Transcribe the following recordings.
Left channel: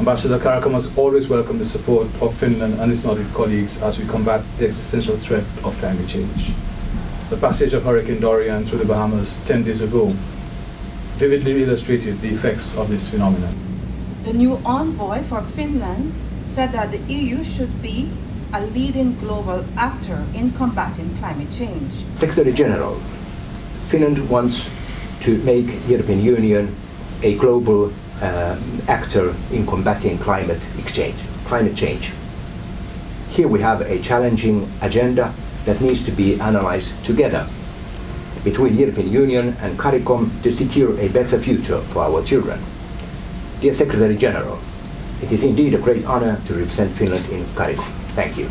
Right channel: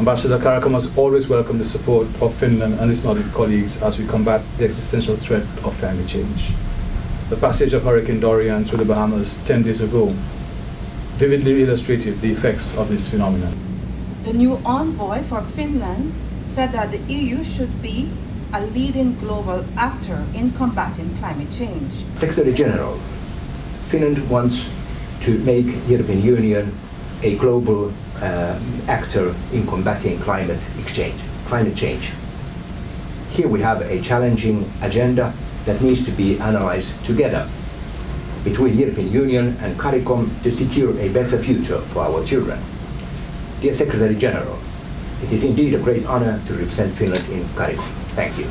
Ambassador, CARICOM has always welcomed the support of Finland and its Nordic colleagues as we combat the existential threat of climate change. The passage of Hurricane Dorian through the Bahamas 10 days ago vividly illustrated the effects of this phenomenon. Secretary General, Finland wants to make the European Union a global actor in combating climate change. Here we have a challenging agenda that needs to be analyzed together between the European Union and CARICOM to secure a better future for our children. Dear Secretary General, it is indeed a great honor to represent Finland in CARICOM. Thank you.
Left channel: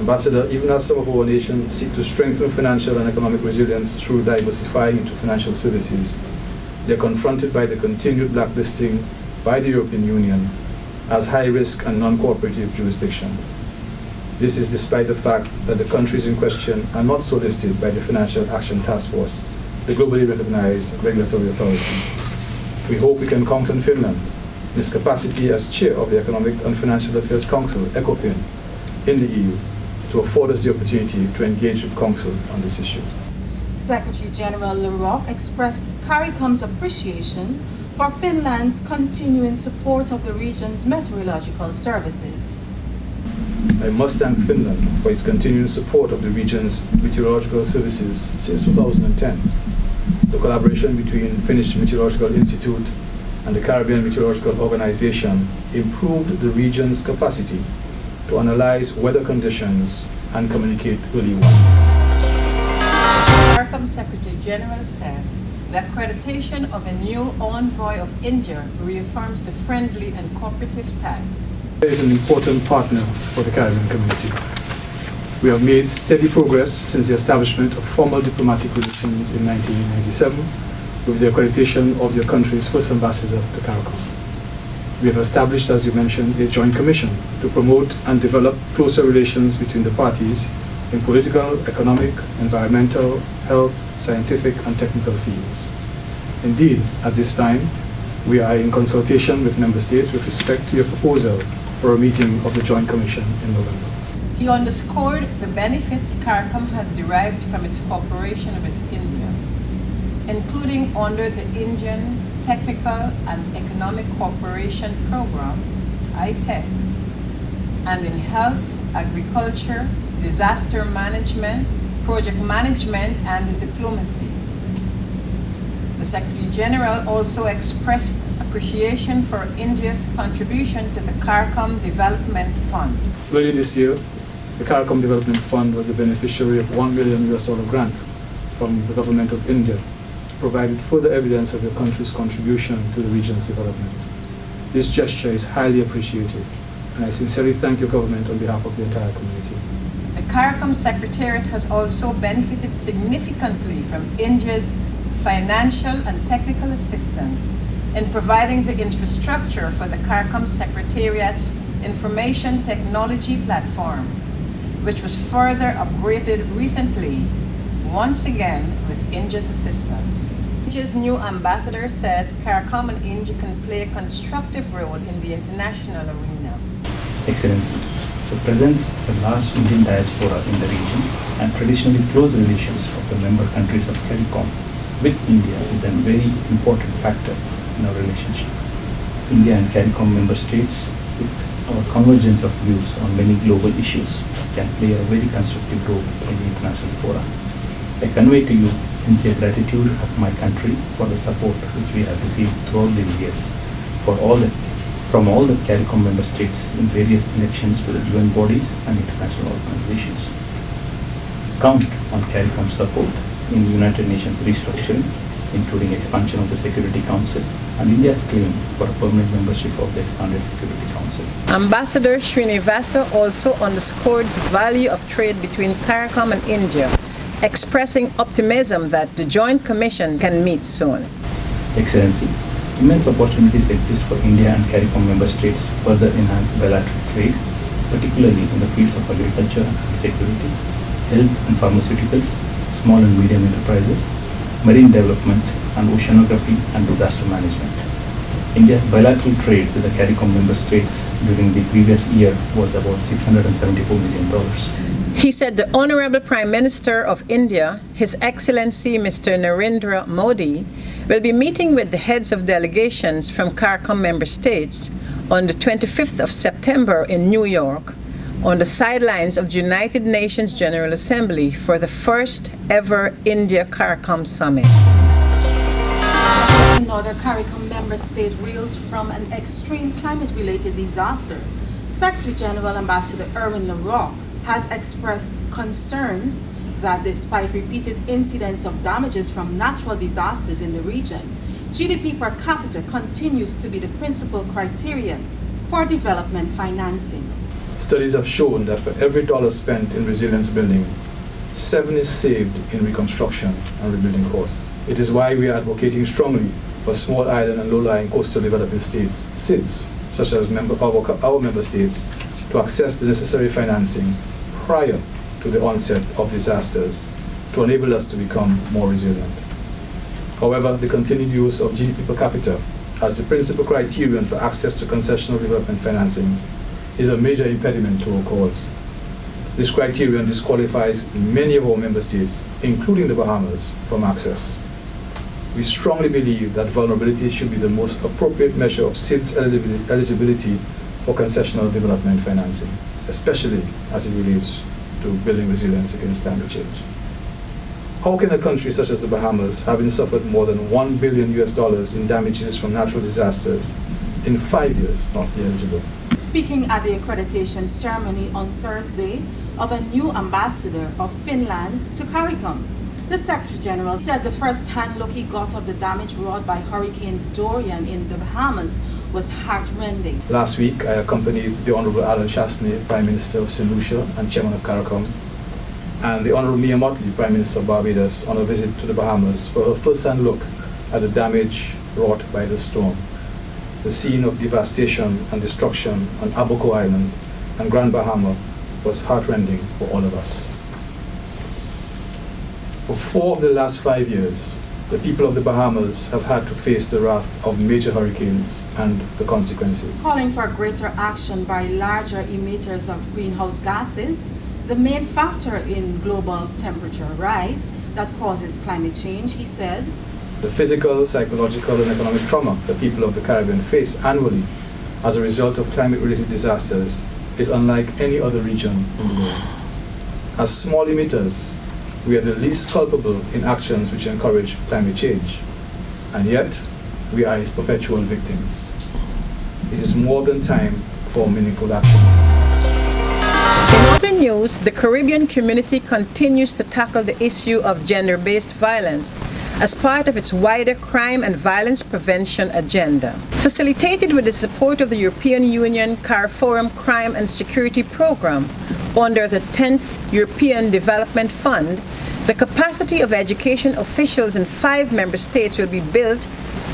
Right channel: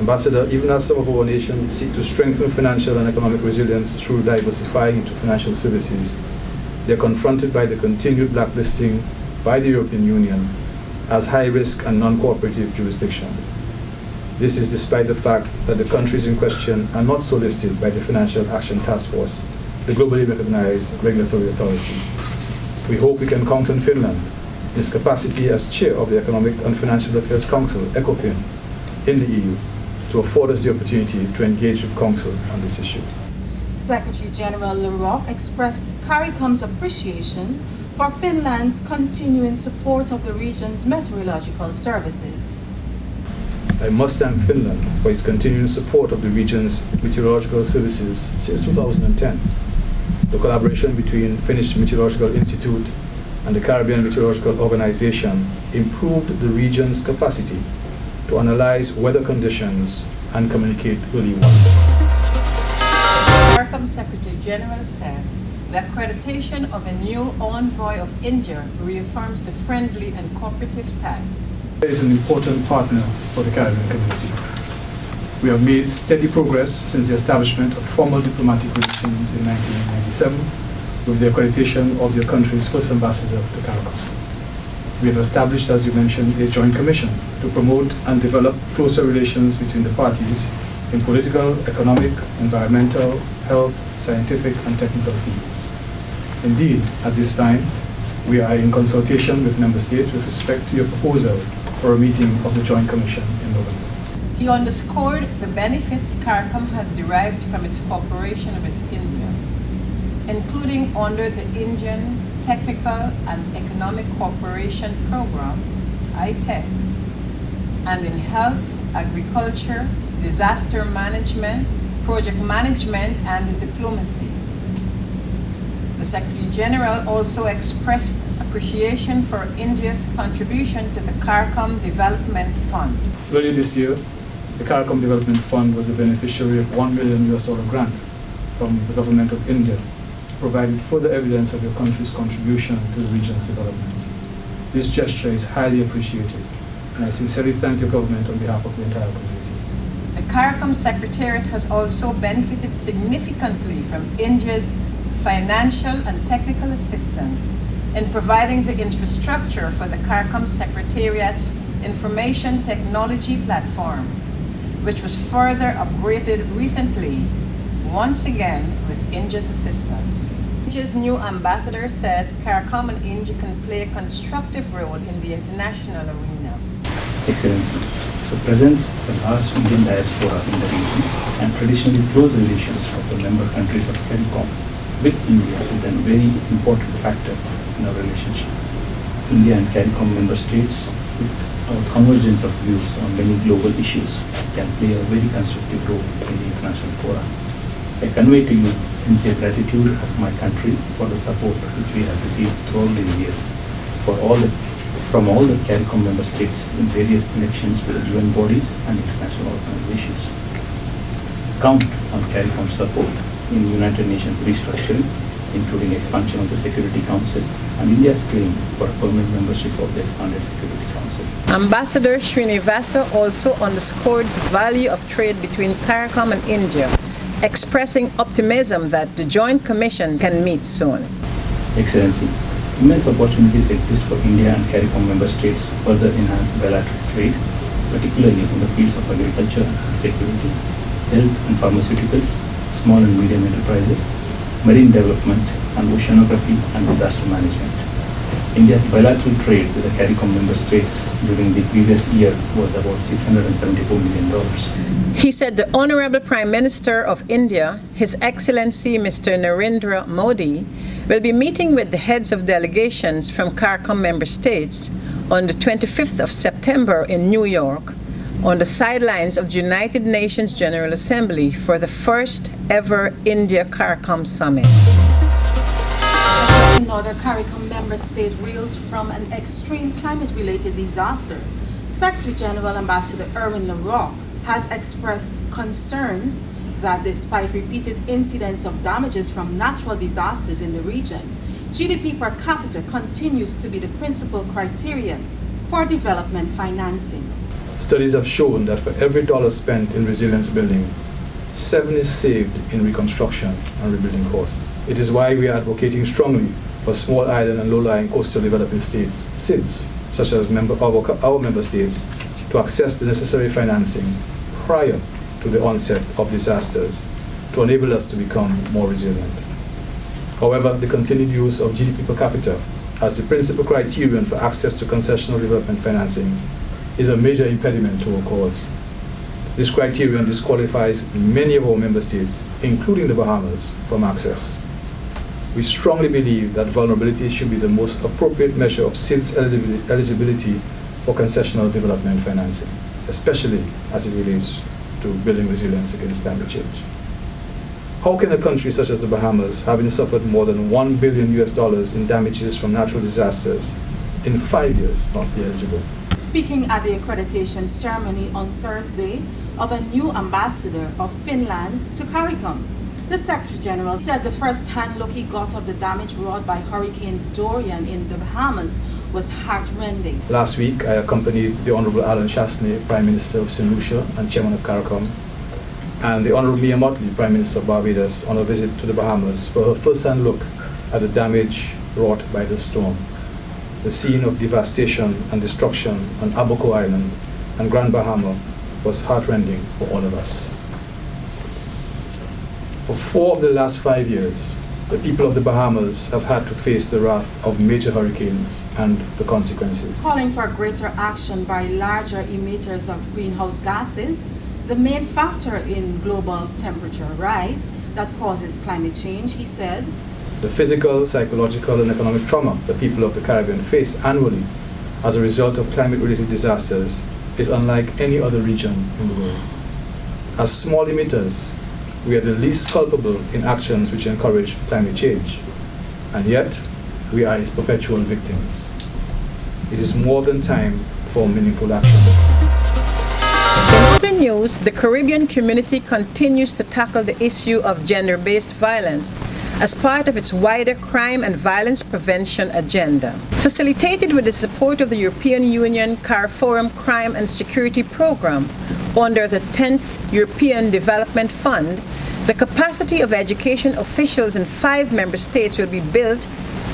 Ambassador, even as some of our nations seek to strengthen financial and economic resilience through diversifying into financial services, they are confronted by the continued blacklisting by the European Union as high-risk and non-cooperative jurisdiction. This is despite the fact that the countries in question are not so listed by the Financial Action Task Force, the globally recognized regulatory authority. We hope we can count on Finland, in its capacity as chair of the Economic and Financial Affairs Council, ECOFIN, in the EU, to afford us the opportunity to engage with Council on this issue. I must thank Finland for its continuing support of the region's meteorological services since 2010. The collaboration between Finnish Meteorological Institute and the Caribbean Meteorological Organization improved the region's capacity to analyze weather conditions and communicate early warning. It is an important partner for the Caribbean community. We have made steady progress since the establishment of formal diplomatic relations in 1997 with the accreditation of your country's first ambassador to CARICOM. We have established, as you mentioned, a joint commission to promote and develop closer relations between the parties in political, economic, environmental, health, scientific, and technical fields. Indeed, at this time, we are in consultation with member states with respect to your proposal for a meeting of the Joint Commission in November. Earlier this year, the CARICOM Development Fund was the beneficiary of $1 million grant from the government of India, providing further evidence of your country's contribution to the region's development. This gesture is highly appreciated, and I sincerely thank your government on behalf of the entire community. Excellency, so presents a large Indian diaspora in the region and traditionally close relations of the member countries of CARICOM with India is a very important factor in our relationship. India and CARICOM member states, with our convergence of views on many global issues, can play a very constructive role in the international fora. I convey to you sincere gratitude of my country for the support which we have received throughout the years from all the CARICOM member states in various elections to the UN bodies and international organizations. Count on CARICOM support in United Nations restructuring, including expansion of the Security Council and India's claim for a permanent membership of the expanded Security Council. Ambassador Srinivasa also underscored the value of trade between CARICOM and India, expressing optimism that the Joint Commission can meet soon. Excellency, immense opportunities exist for India and CARICOM member states to further enhance bilateral trade, particularly in the fields of agriculture and food security, health and pharmaceuticals, small and medium enterprises, marine development, and oceanography and disaster management. India's bilateral trade with the CARICOM member states during the previous year was about $674 million. He said the Honorable Prime Minister of India, His Excellency Mr. Narendra Modi, will be meeting with the heads of delegations from CARICOM member states on the 25th of September in New York on the sidelines of the United Nations General Assembly for the first ever India CARICOM Summit. Studies have shown that for every dollar spent in resilience building, 7 is saved in reconstruction and rebuilding costs. It is why we are advocating strongly for small island and low-lying coastal developing states, SIDS, such as our member states, to access the necessary financing prior to the onset of disasters to enable us to become more resilient. However, the continued use of GDP per capita as the principal criterion for access to concessional development financing is a major impediment to our cause. This criterion disqualifies many of our member states, including the Bahamas, from access. We strongly believe that vulnerability should be the most appropriate measure of SIDS eligibility for concessional development financing, especially as it relates to building resilience against climate change. How can a country such as the Bahamas, having suffered more than $1 billion in damages from natural disasters in 5 years, not be eligible? Last week, I accompanied the Honorable Alan Chasney, Prime Minister of St. Lucia and Chairman of CARICOM, and the Honorable Mia Mottley, Prime Minister of Barbados, on a visit to the Bahamas for her first-hand look at the damage wrought by the storm. The scene of devastation and destruction on Abaco Island and Grand Bahama was heartrending for all of us. For 4 of the last 5 years, the people of the Bahamas have had to face the wrath of major hurricanes and the consequences. The physical, psychological, and economic trauma the people of the Caribbean face annually as a result of climate-related disasters is unlike any other region in the world. As small emitters, we are the least culpable in actions which encourage climate change, and yet we are its perpetual victims. It is more than time for meaningful action. In other news, the Caribbean community continues to tackle the issue of gender-based violence as part of its wider crime and violence prevention agenda. Facilitated with the support of the European Union CARIFORUM Crime and Security Program under the 10th European Development Fund, the capacity of education officials in 5 member states will be built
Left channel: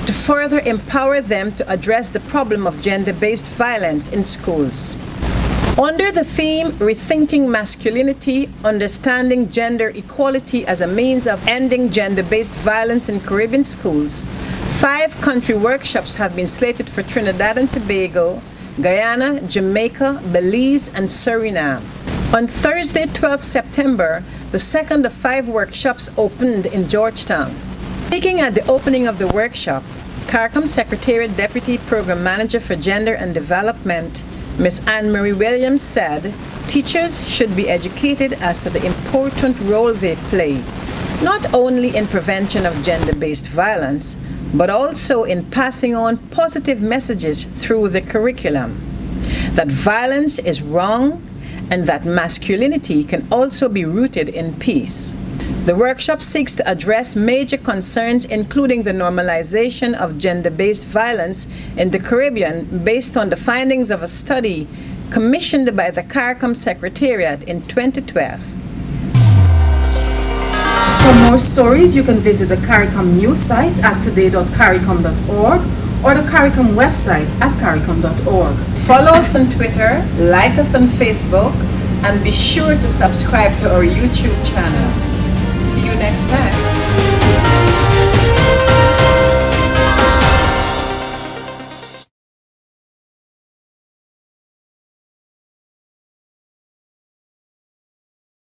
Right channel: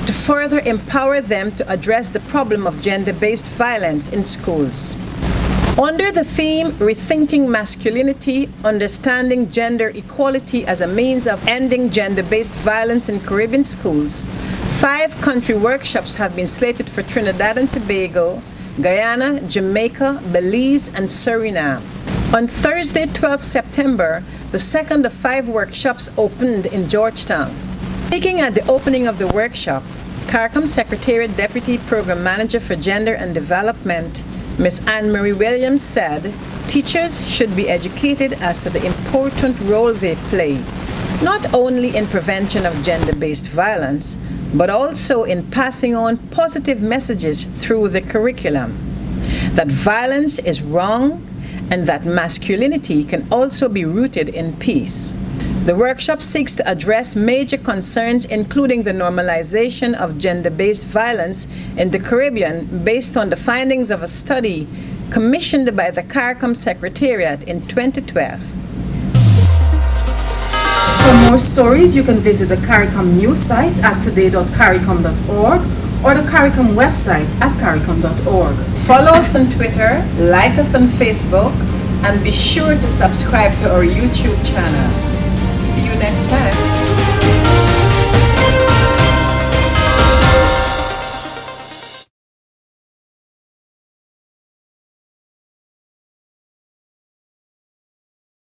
to further empower them to address the problem of gender-based violence in schools. Under the theme, Rethinking Masculinity, Understanding Gender Equality as a Means of Ending Gender-Based Violence in Caribbean Schools, 5 country workshops have been slated for Trinidad and Tobago, Guyana, Jamaica, Belize, and Suriname. On Thursday, 12 September, the second of 5 workshops opened in Georgetown. Speaking at the opening of the workshop, CARICOM Secretariat Deputy Program Manager for Gender and Development, Ms. Anne-Marie Williams, said teachers should be educated as to the important role they play, not only in prevention of gender-based violence, but also in passing on positive messages through the curriculum, that violence is wrong and that masculinity can also be rooted in peace. The workshop seeks to address major concerns, including the normalization of gender-based violence in the Caribbean based on the findings of a study commissioned by the CARICOM Secretariat in 2012.